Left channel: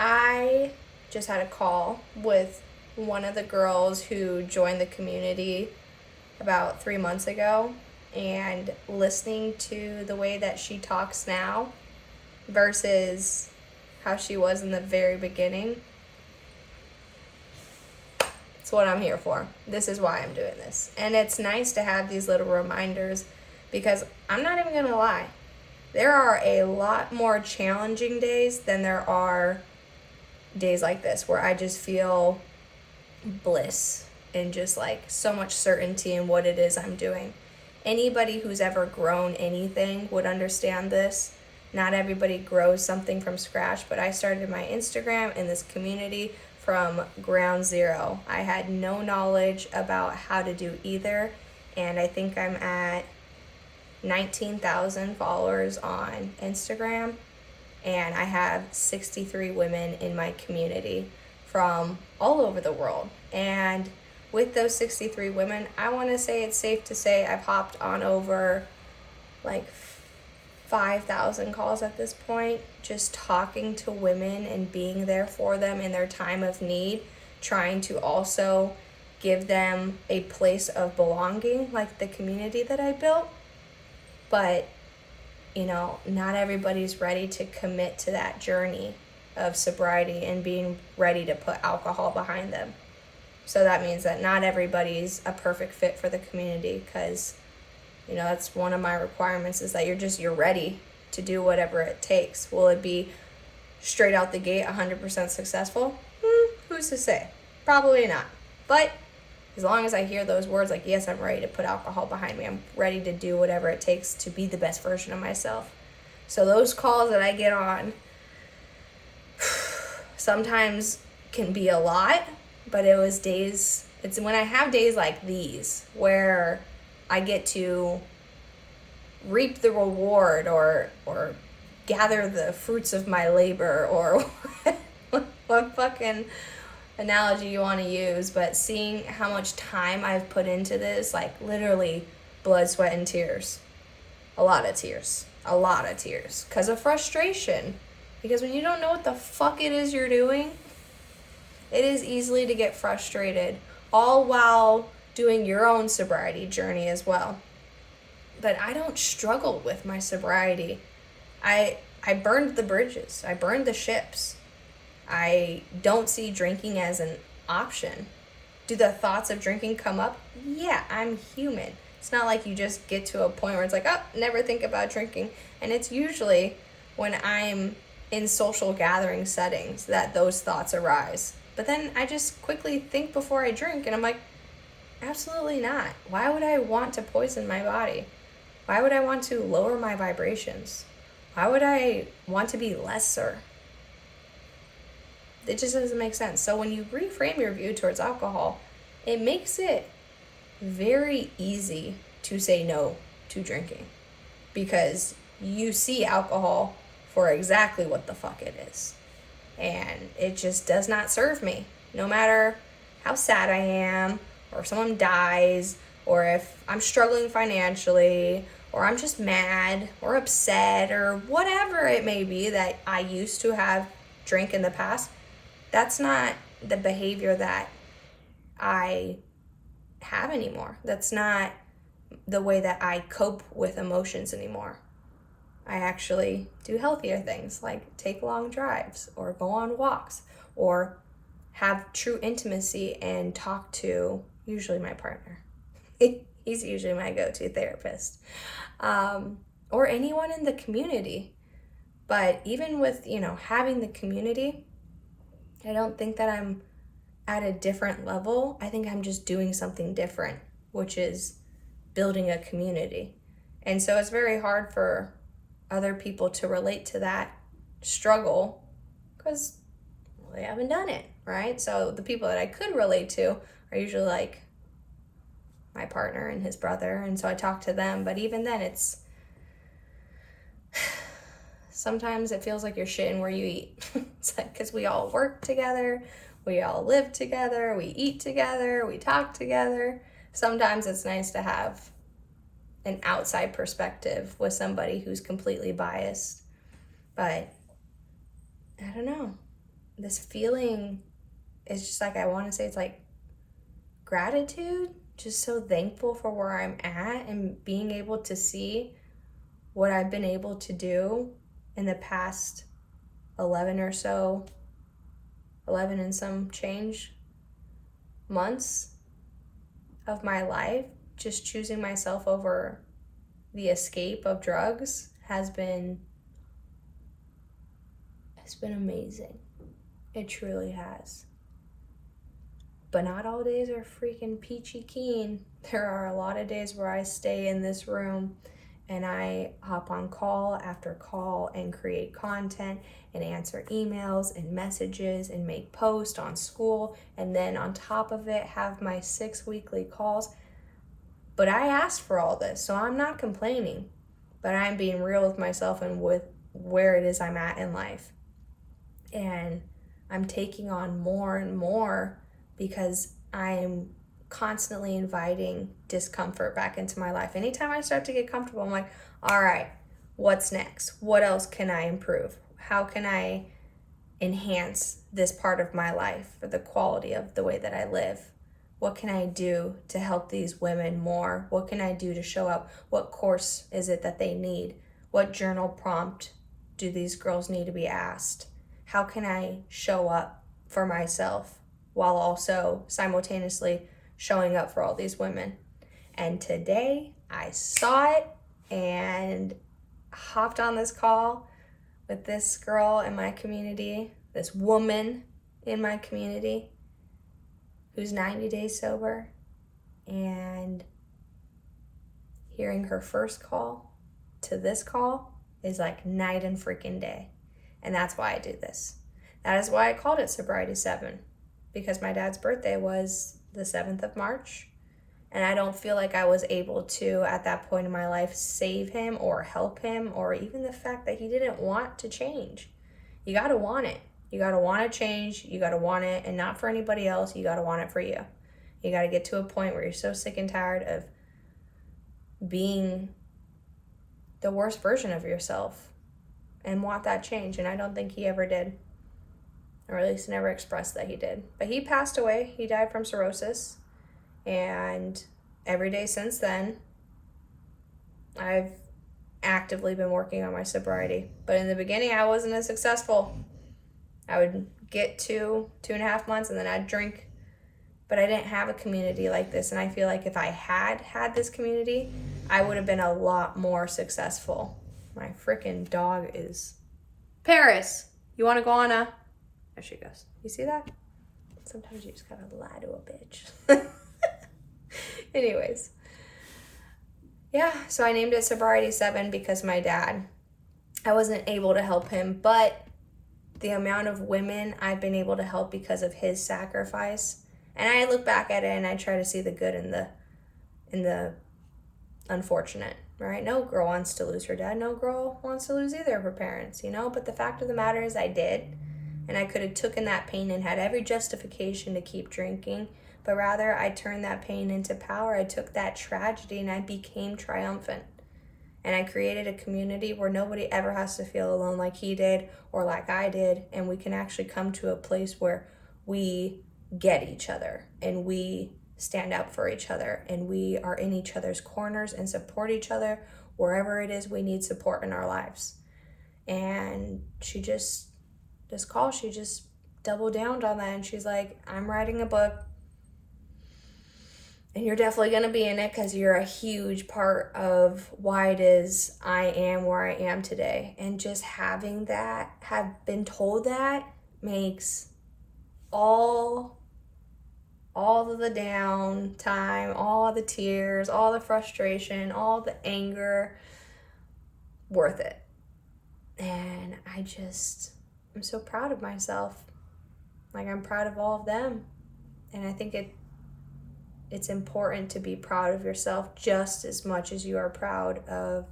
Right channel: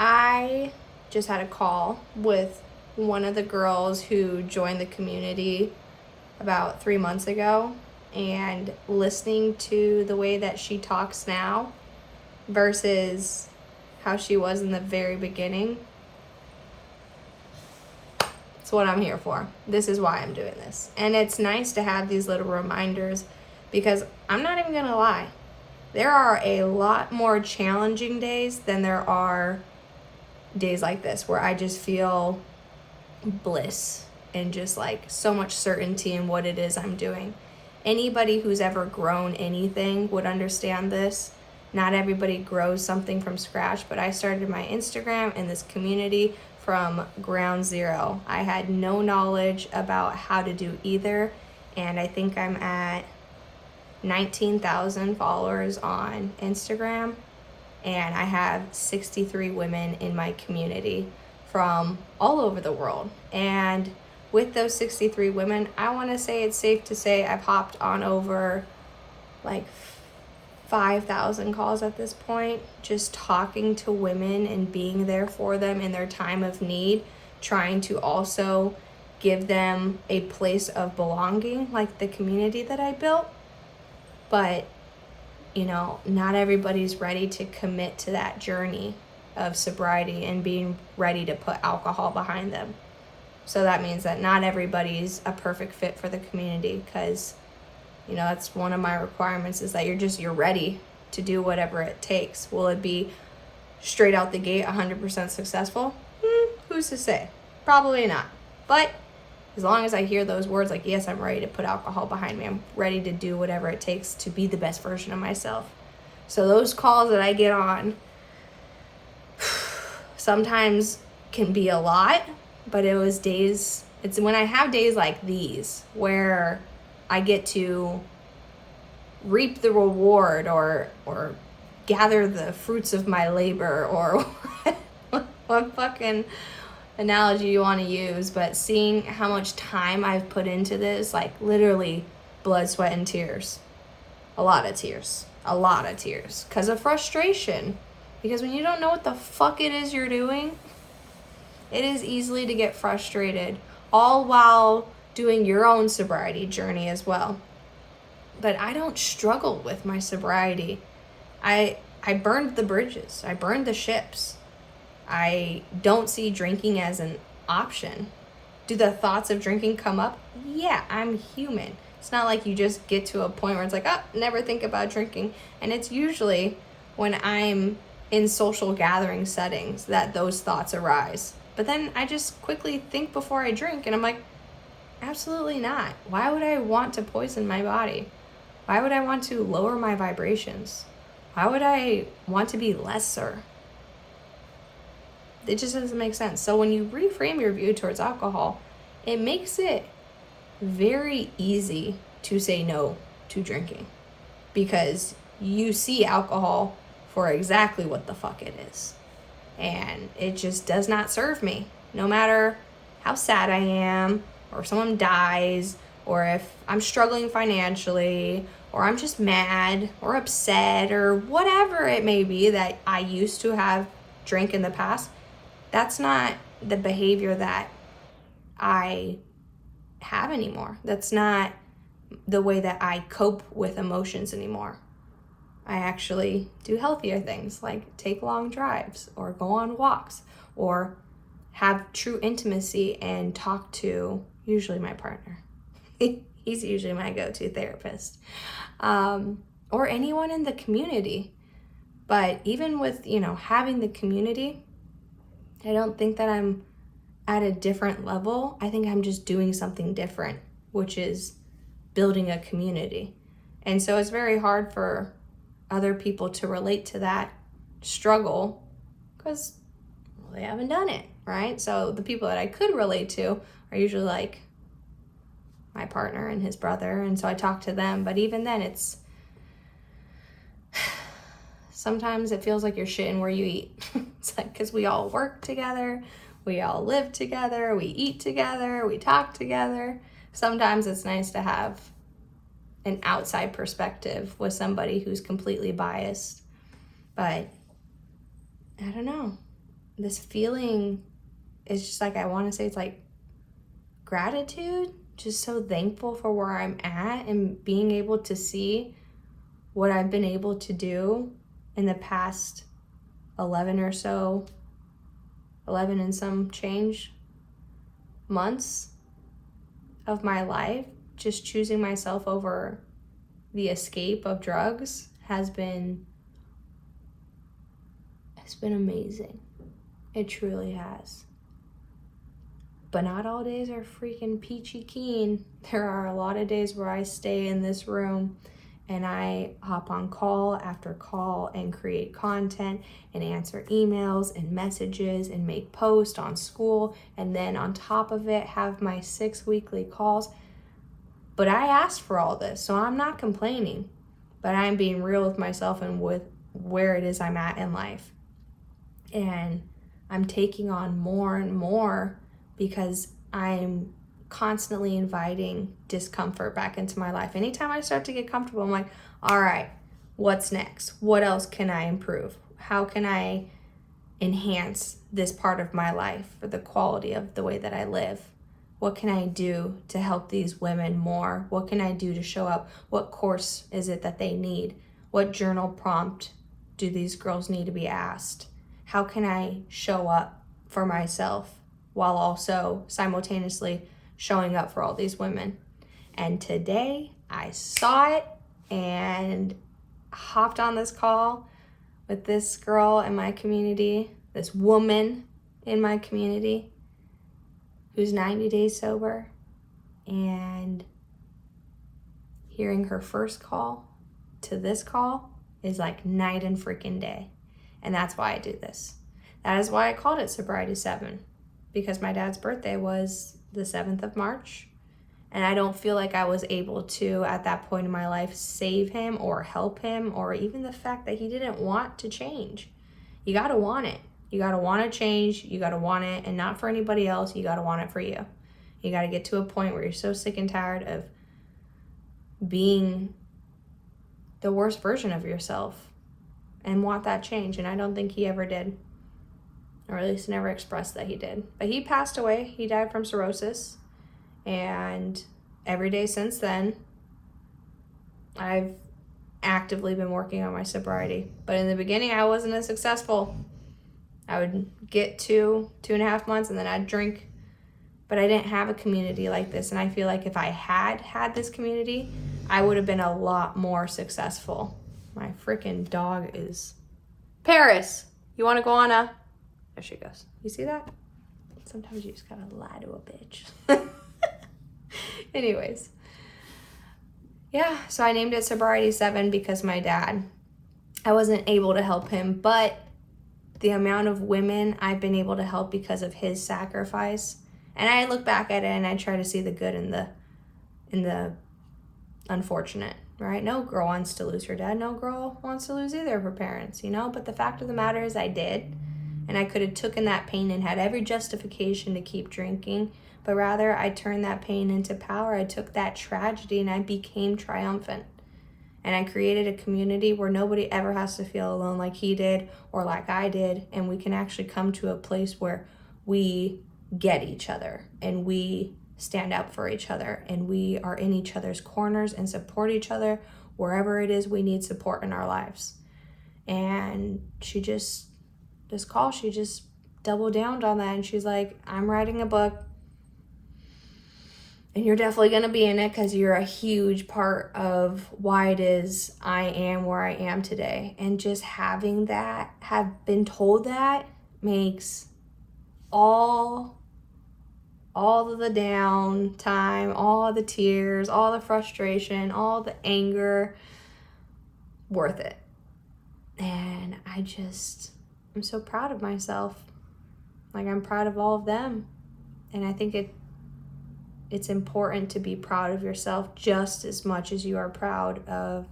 I just had a call with one of the girls who joined the community about 3 months ago, and listening to the way that she talks now versus how she was in the very beginning. It's what I'm here for. This is why I'm doing this. And it's nice to have these little reminders, because I'm not even gonna lie, there are a lot more challenging days than there are days like this where I just feel bliss and just like so much certainty in what it is I'm doing. Anybody who's ever grown anything would understand this. Not everybody grows something from scratch, but I started my Instagram and this community from ground zero. I had no knowledge about how to do either, and I think I'm at 19,000 followers on Instagram, and I have 63 women in my community from all over the world. And with those 63 women, I want to say it's safe to say I've hopped on over like 5,000 calls at this point, just talking to women and being there for them in their time of need, trying to also give them a place of belonging, like the community that I built. But not everybody's ready to commit to that journey of sobriety and being ready to put alcohol behind them. So that means that not everybody's a perfect fit for the community, because that's one of my requirements, is that you're ready to do whatever it takes. Will it be straight out the gate 100% successful? Who's to say? Probably not. But as long as I hear those words like, yes, I'm ready to put alcohol behind me, I'm ready to do whatever it takes to be the best version of myself. So those calls that I get on sometimes can be a lot, but it's when I have days like these where I get to reap the reward or gather the fruits of my labor, or what fucking analogy you want to use, but seeing how much time I've put into this, like literally blood, sweat, and tears. A lot of tears because of frustration. Because when you don't know what the fuck it is you're doing, it is easily to get frustrated, all while doing your own sobriety journey as well. But I don't struggle with my sobriety. I burned the bridges. I burned the ships. I don't see drinking as an option. Do the thoughts of drinking come up? Yeah, I'm human. It's not like you just get to a point where it's like, oh, never think about drinking. And it's usually when I'm in social gathering settings that those thoughts arise. But then I just quickly think before I drink, and I'm like, absolutely not. Why would I want to poison my body? Why would I want to lower my vibrations? Why would I want to be lesser? It just doesn't make sense. So when you reframe your view towards alcohol, it makes it very easy to say no to drinking, because you see alcohol for exactly what the fuck it is. And it just does not serve me. No matter how sad I am, or if someone dies, or if I'm struggling financially, or I'm just mad or upset, or whatever it may be that I used to have drank in the past, that's not the behavior that I have anymore. That's not the way that I cope with emotions anymore. I actually do healthier things, like take long drives or go on walks or have true intimacy and talk to usually my partner. He's usually my go-to therapist, or anyone in the community. But even with, having the community, I don't think that I'm at a different level. I think I'm just doing something different, which is building a community. And so it's very hard for other people to relate to that struggle, because they haven't done it, right? So the people that I could relate to are usually like my partner and his brother, and so I talk to them. But even then, it's sometimes it feels like you're shitting where you eat. It's like, because we all work together, we all live together, we eat together, we talk together. Sometimes it's nice to have an outside perspective with somebody who's completely biased. But I don't know. this feeling is just like, I want to say it's like gratitude, just so thankful for where I'm at and being able to see what I've been able to do in the past 11 and some change months of my life. Just choosing myself over the escape of drugs has been amazing. It truly has. But not all days are freaking peachy keen. There are a lot of days where I stay in this room and I hop on call after call and create content and answer emails and messages and make posts on school, and then on top of it have my 6 weekly calls. But I asked for all this, so I'm not complaining, but I'm being real with myself and with where it is I'm at in life. And I'm taking on more and more because I'm constantly inviting discomfort back into my life. Anytime I start to get comfortable, I'm like, all right, what's next? What else can I improve? How can I enhance this part of my life or the quality of the way that I live? What can I do to help these women more? What can I do to show up? What course is it that they need? What journal prompt do these girls need to be asked? How can I show up for myself while also simultaneously showing up for all these women? And today I saw it and hopped on this call with this girl in my community, this woman in my community who's 90 days sober, and hearing her first call to this call is like night and freaking day. And that's why I do this. That is why I called it Sobriety 7, because my dad's birthday was the 7th of March. And I don't feel like I was able to, at that point in my life, save him or help him, or even the fact that he didn't want to change. You got to want it. You got to want to change. You got to want it, and not for anybody else. You got to want it for you. You got to get to a point where you're so sick and tired of being the worst version of yourself and want that change. And I don't think he ever did, or at least never expressed that he did. But he passed away. He died from cirrhosis. And every day since then, I've actively been working on my sobriety. But in the beginning, I wasn't as successful. I would get 2.5 months, and then I'd drink. But I didn't have a community like this. And I feel like if I had this community, I would have been a lot more successful. My freaking dog is... Paris, you want to go on a... There she goes. You see that? Sometimes you just gotta lie to a bitch. Anyways. Yeah, so I named it Sobriety 7 because my dad, I wasn't able to help him, but the amount of women I've been able to help because of his sacrifice, and I look back at it and I try to see the good in the unfortunate, right? No girl wants to lose her dad. No girl wants to lose either of her parents, you know? But the fact of the matter is I did, and I could have taken that pain and had every justification to keep drinking, but rather I turned that pain into power. I took that tragedy and I became triumphant. And I created a community where nobody ever has to feel alone like he did or like I did. And we can actually come to a place where we get each other and we stand up for each other and we are in each other's corners and support each other wherever it is we need support in our lives. And she just doubled down on that. And she's like, I'm writing a book. And you're definitely going to be in it because you're a huge part of why it is I am where I am today. And just having that, have been told that, makes all of the down time, all the tears, all the frustration, all the anger worth it. And I'm so proud of myself. Like, I'm proud of all of them. And I think it's important to be proud of yourself just as much as you are proud of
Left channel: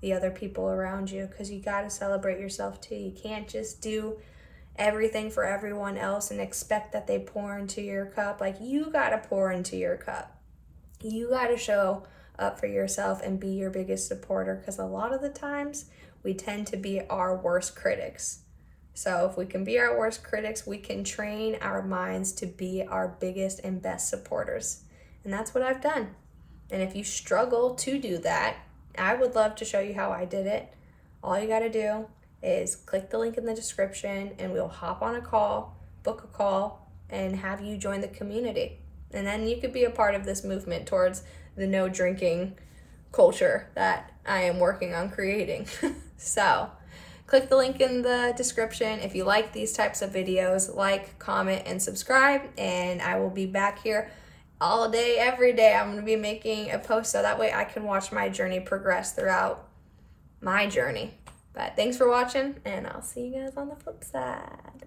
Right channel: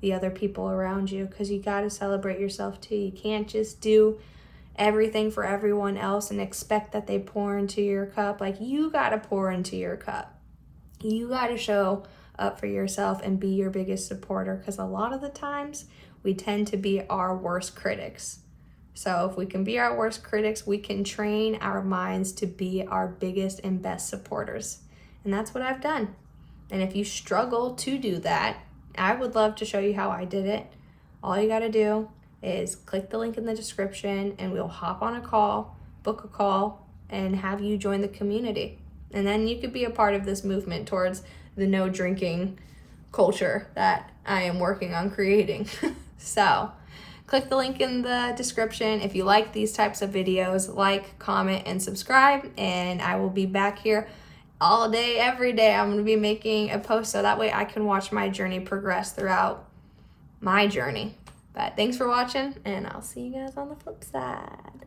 the other people around you, because you got to celebrate yourself too. You can't just do everything for everyone else and expect that they pour into your cup. Like, you got to pour into your cup. You got to show up for yourself and be your biggest supporter, because a lot of the times we tend to be our worst critics. So if we can be our worst critics, we can train our minds to be our biggest and best supporters. And that's what I've done. And if you struggle to do that, I would love to show you how I did it. All you got to do is click the link in the description and we'll hop on a call, book a call, and have you join the community. And then you could be a part of this movement towards the no drinking culture that I am working on creating. So click the link in the description. If you like these types of videos, like, comment, and subscribe, and I will be back here all day, every day. I'm going to be making a post so that way I can watch my journey progress throughout my journey. But thanks for watching, and I'll see you guys on the flip side.